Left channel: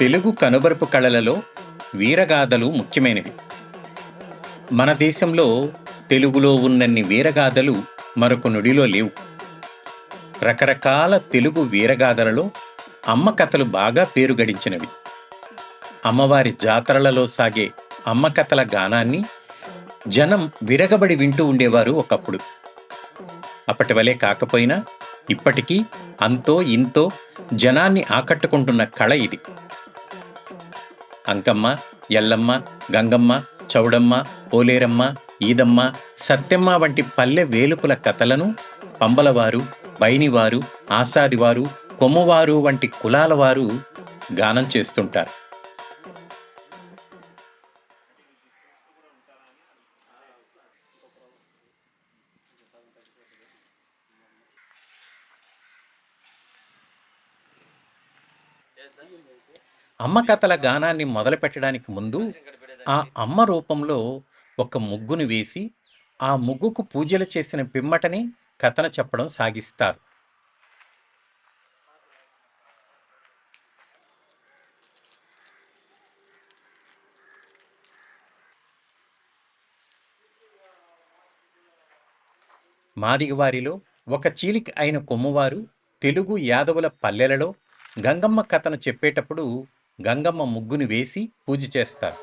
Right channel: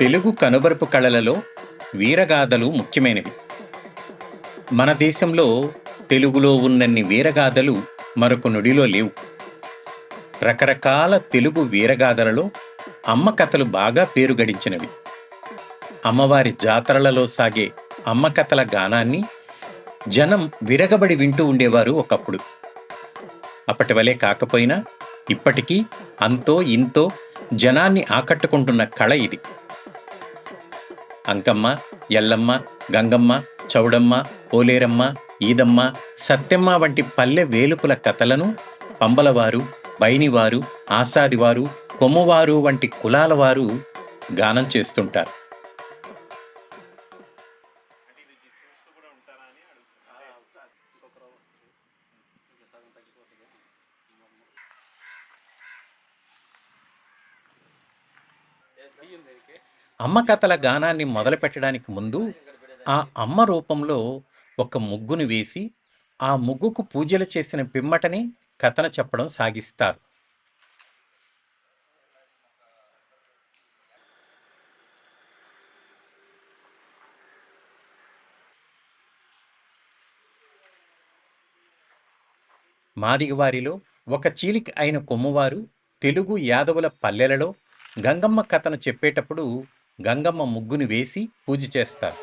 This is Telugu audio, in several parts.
తెలుగు కనుబరుపు కళలలో వీరగాథలు ముఖ్యమైనవి. మన దేశంలో తెలుగులో ఉన్నన్ని వీరగాథలు మరొక నుడిలో లేవు. రకరకాల తెలుగు వీరగాథలలో అమ్మ కథలు బాగా పేరు గడించినవి. అమ్మవారి జాతరలలో సాగే అమ్మ కథల గానాన్ని జనం విరగబడి వింటూ ఉండేవారు ఒకప్పుడు. అప్పటి వలె కాకపోయినా ఇప్పటికీ అంతో ఇంతో జనాన్ని ఆకట్టుకుంటున్న కళ ఇది. అంకమ్మ, ఎల్లమ్మ, గంగమ్మ, చౌడమ్మ, పోలేరమ్మ, ఈదమ్మ, సత్యమ్మ వంటి పల్లె వేలుపుల కథలను పంబలవారు, బైనివారు, ఆసాదివారు, కొమ్మువారు వంటి కులాల వారు గానం చేస్తుంటారు. అమ్మ కథల గానాన్ని మొదలుపెట్టడానికి ముందు ఆ అమ్మ రూపంలో ఒక ముగ్గును వేసి ఆ ముగ్గుకు పూజలు చేసిన పిమ్మటనే కథను చెప్పడం సాగిస్తారు. మాదిగవారిలో ఒక చీలిక అయిన కొమ్మువారు తెలుగు యాదవుల పల్లెలలో గంగమ్మ కథను చెప్పేటప్పుడు గంగమ్మ ముగ్గును వేసి పూజ చేస్తారు.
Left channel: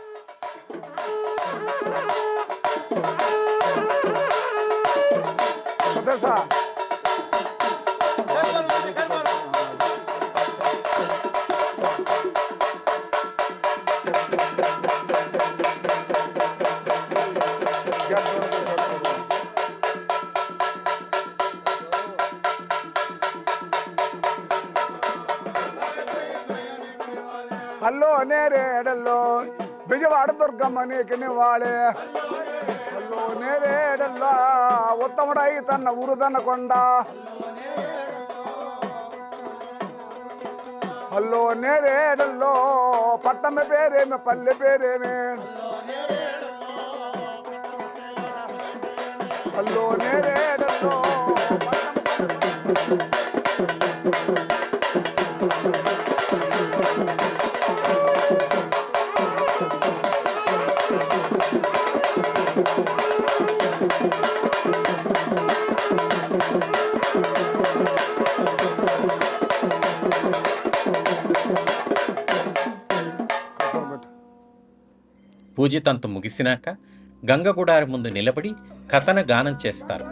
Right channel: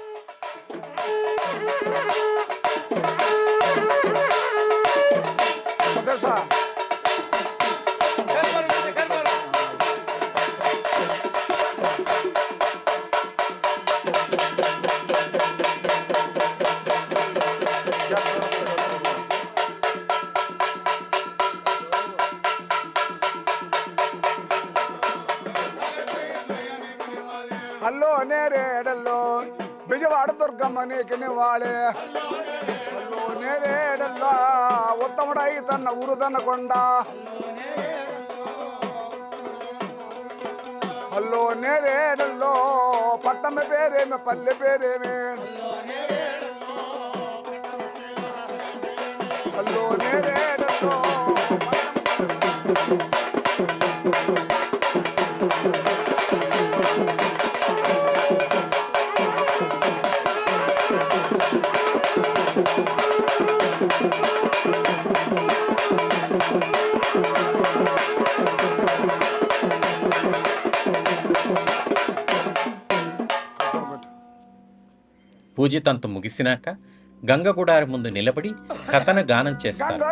హలో నేరేడల్లో బిజవాడ దుర్గమ్మ నీకిని వాడే హలో నేరేడల్లో ఉత్తముడై తన్న ఉరుదన్న కొండ హలో నేరేడల్లో పట్టణ పేరేమి పల్లె పేరేమి హలో నేరేడల్లో పూజితంత ముగిసినాక గంగగుడారి ముందు నిలబడి కథన గానం చేస్తారు.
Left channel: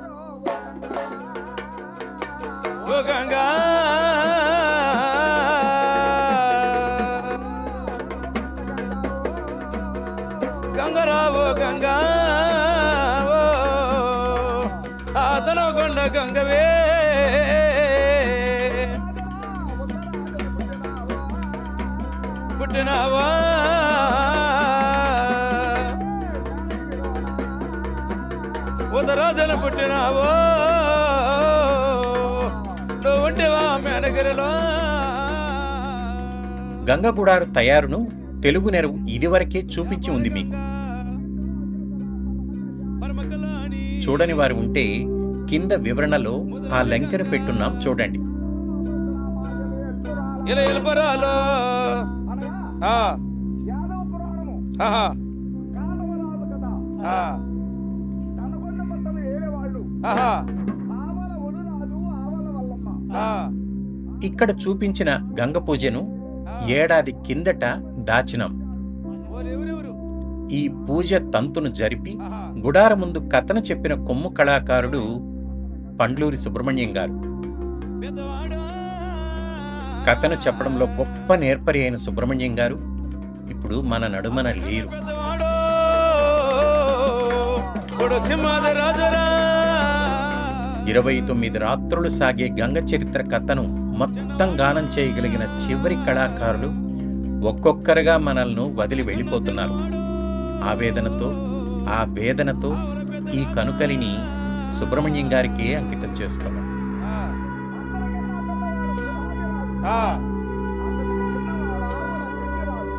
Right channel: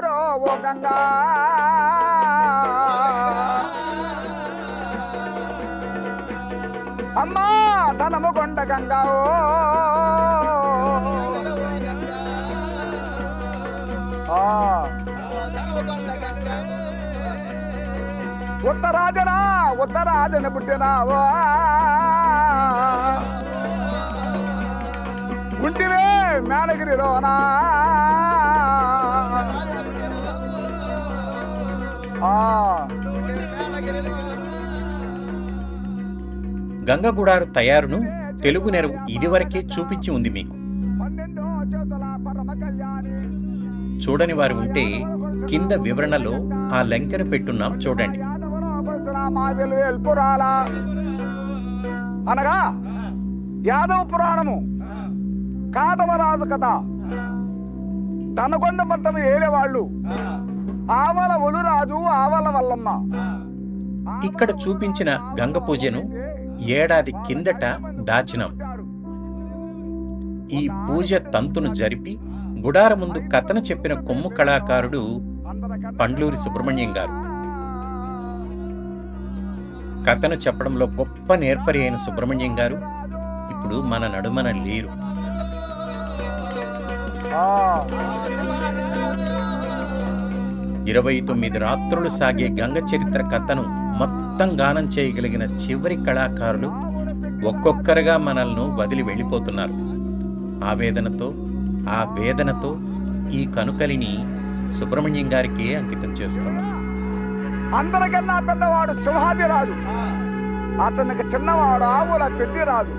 ఉత్తరాజన పుట్టినావా పుట్టివే మేనగిరిలోనా ఉత్తరాజన పుట్టినావా మేనగిరిలో. గంగగుడారు తయారును తెలుగు నెరవు ఇదివరకే చూపించి ఉంది మీకు. చూడని వారు ఉంటే కింద వివరణలో ఆ లంకెను పెట్టున్నాం చూడండి. అనగా యాదవ పురాణము కాటమరాజు కథ తనకొండ పట్టం ఏలేవాళ్ళు ఆవల ఒలురాజు ఆవల వల్లమ్మ. ఇక్కడ చూపించిన గంగ పూజను ఏడాది కిందట దాచినాం. ఈ పూజ తంతును జరిపి గుడార ముందు కథను చెప్పిన కొమ్ము కళాకారుడు పండ్లూరి సుబ్రహ్మణ్యం గారు. కథను చెప్పడంలో గొప్ప నేర్పరి అయిన సుబ్రహ్మణ్యం గారు ఇప్పుడు మన నడుమన లేరు. ఇరవై 29 రాత్రులు సాగే గంగ చరిత్ర కథను మొత్తం గానం చేయగలిగిన చివరి కళాకారులు ఒక్కొక్కరుగా మనల్ని వదిలి వెళ్ళిపోతున్నారు. ఆవేదనతో ఆ వేదనతో ఈ కనుకలిని సుబ్రహ్మణ్యం గారికే అంకితం చేస్తున్నాం. అందరికన్నా పెద్దవాడు సింహాదిరాజు, అతనికి చిన్నవాడు ఆవుల పెద్దిరాజు,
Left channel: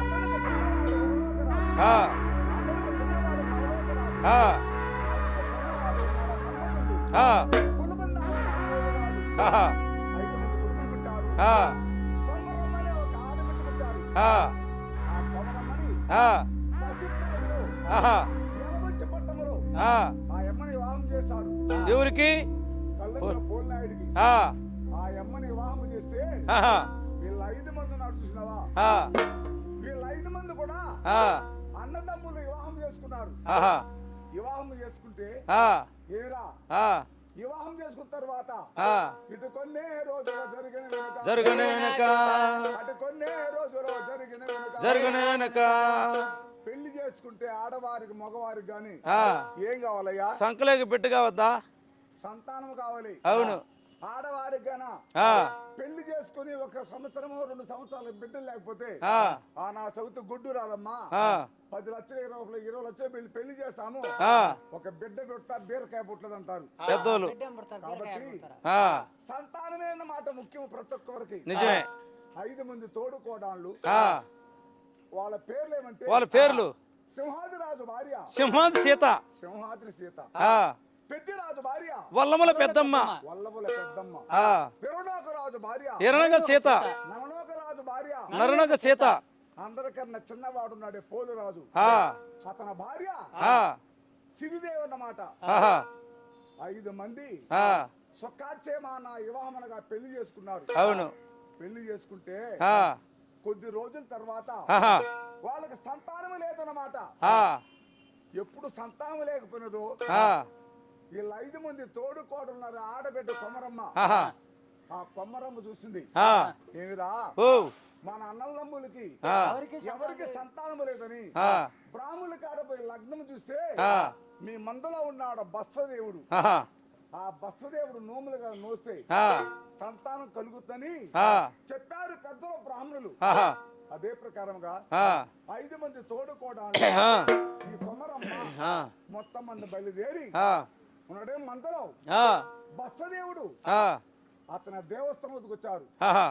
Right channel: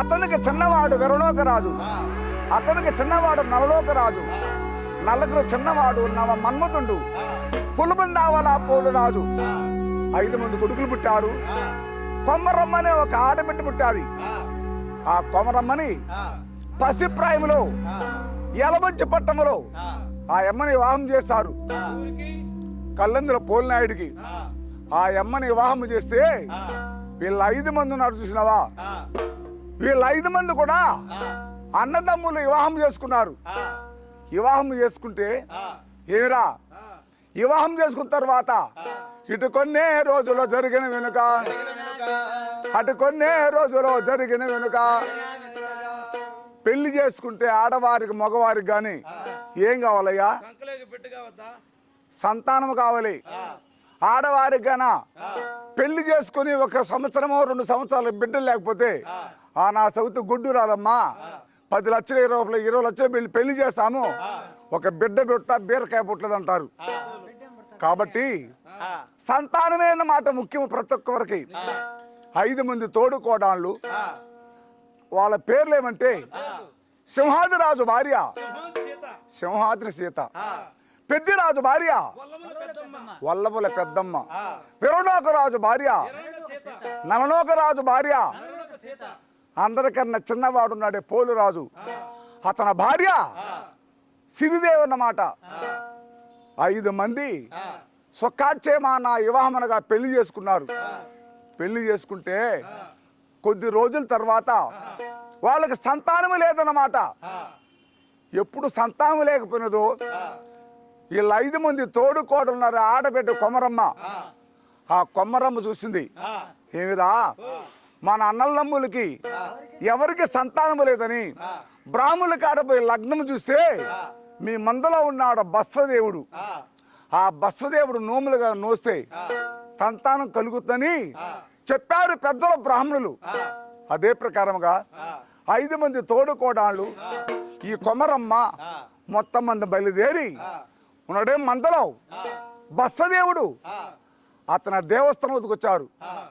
అతనికి చిన్నవాడు విరలోకరాజు, అతనికి చిన్నవాడు నవలోకరాజు, నలుగురు చిన్నవాడు నవ మన్మధుడు, పులుబందావల పోలు రాజు. 5 మంది కొడుకులు పుట్టారు. కొమరమ్మనే ఒక ఆడబిడ్డ పుట్టాది. ఆ, ఆ కొమరమ్మని ఆ, పసిప్రాయములో ఆహా, యలమంచి పట్టణములో ఆ. ఆ అమ్మని వివాహం చేశారు. ఎవరికి? కల్లందుల పోలినాయుడికి ఆ, ఆ అమ్మని వివాహం చేస్తే ఆహా, వీళ్ళ 5 మంది ఉన్నారు చూసినావా? ఆ, వీళ్ళ 5 మంది కూడా ఆ, అన్నదమ్ములు వివాహం చేసుకున్నారు. ఆహా, వివాహం చేసుకుంటే ఆ, ఏరా ఆ, వివాహం చేసుకున్న తర్వాత ఆ. ఇటు కొన్నే రోజుల్లో జరిగిన వెనుక జరుగునే వెనక, అటు కొన్నే రోజుల్లో జరిగిన వెనుక జరుగునే వెనక. పెళ్లి చేసుకుంటే ఆడవారికి మగవారికి గాని ఆ, ఏం కావాలయ్యా? సంకలేకి పెట్టుగా వద్దా? సంతానం కావాలి. అవును. ఆడవారికి గానా ఆ, పెళ్లి చేసుకుని 1 సంవత్సరమో 2 సంవత్సరాలు బిడ్డలు లేకపోతే ఆ, నా సౌతు గుడ్డు రాదమ్మా, ఆ, 10 లక్షలు 20 లక్షలు పెళ్లి చేస్తాము, ఆ. ఒక బిడ్డ పుట్ట బీరకాయ పుట్టలేదు అంటారు. పెద్దోళ్ళు. కాబట్టి ఆ, సంతానమే అన్నమాట ముఖ్యం ప్రతి ఒక్కరికి. నిజమే. 5 మంది తోడుకోడాళ్ళు, ఆ, వాళ్ళ పేర్లు ఏమంటే వాళ్ళ పేర్లు సింహాద్రి రాజు భార్య సింహాంత్ సీత, సింహాద్రి సీత, ఆ, పెద్దిరాజు భార్య వల్లముల పెద్దమ్మ, వల్లభుల పెద్దమ్మ, ఆ, విరణోక రాజు భార్య ఎరణగ సీత, నలనోక రాజు భార్య, నరణగ సీత. అందరికన్నా చిన్నవాడున్నాడే పోలు రాజు, ఆ, అతని భార్య ఆ, సిరిదేవి అన్నమాట. ఆహా, 5 మంది ఆ, స్వకాక్షేమాన వివాహమనగా పెళ్లి చేసుకున్నారు. అవును. పెళ్లి చేసుకుంటే ఆ, కొద్ది రోజుల తర్వాత ఆహా, వాళ్ళకి సంతానం లేదన్నమాట. ఆ, ఎప్పుడు సంతానం లేకపోయినదో ఆ, వీళ్ళ 5 మంది తోడుకోడున్నారు ఆడబిడ్డ కొమరమ్మ. ఆహా, ఆ కొమరమ్మ చూసింది, ఆ, ఏమిరా ఓ, మన అన్నలమ్ములకి ఆ, ఎవరికి సంతానం లేదని ఆ, బ్రాహ్మణుల కాడపోయి లగ్నం చూస్తే ఆ, మీ మందలో ఉన్నాడు బస్వదేవుడు. ఆహా, ఆ బస్వదేవుడు నోములుగా నోస్తే ఆ, సంతానం కలుగుతుందని ఆ, చెప్పారు పెద్దల బ్రాహ్మణులు. ఆహా, అదే ప్రకారముగా ఆ, 5 మంది తోడుకోడాళ్ళు ఆ, ఈ కొమరమ్మ ఆ, మొత్తం మంది బయలుదేరి ఆ, ఉన్నాడే మందలో ఆ, బస్వదేవుడు ఆ, అతని దేవస్థానం వద్దకు వచ్చారు. ఆహా,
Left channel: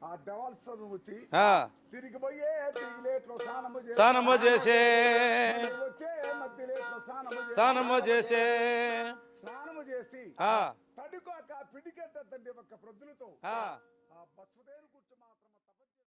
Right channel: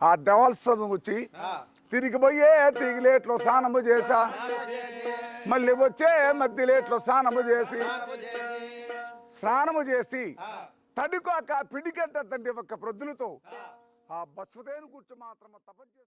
ఆ దేవస్థానం వచ్చి ఆ, తిరిగి పోయే తిగిలేట్లో స్నానము చేసి స్నానము చేసే, మళ్ళీ వచ్చే మధ్యలేట్లో స్నానము స్నానము చేసే, స్నానము చేసి ఆ, తడుకోక పిడికంట తండ్రి ఒక్క ప్రొద్దులతో ఆ. ఆ బస్వదేవుని కూర్చో మాత్రం తపస్సు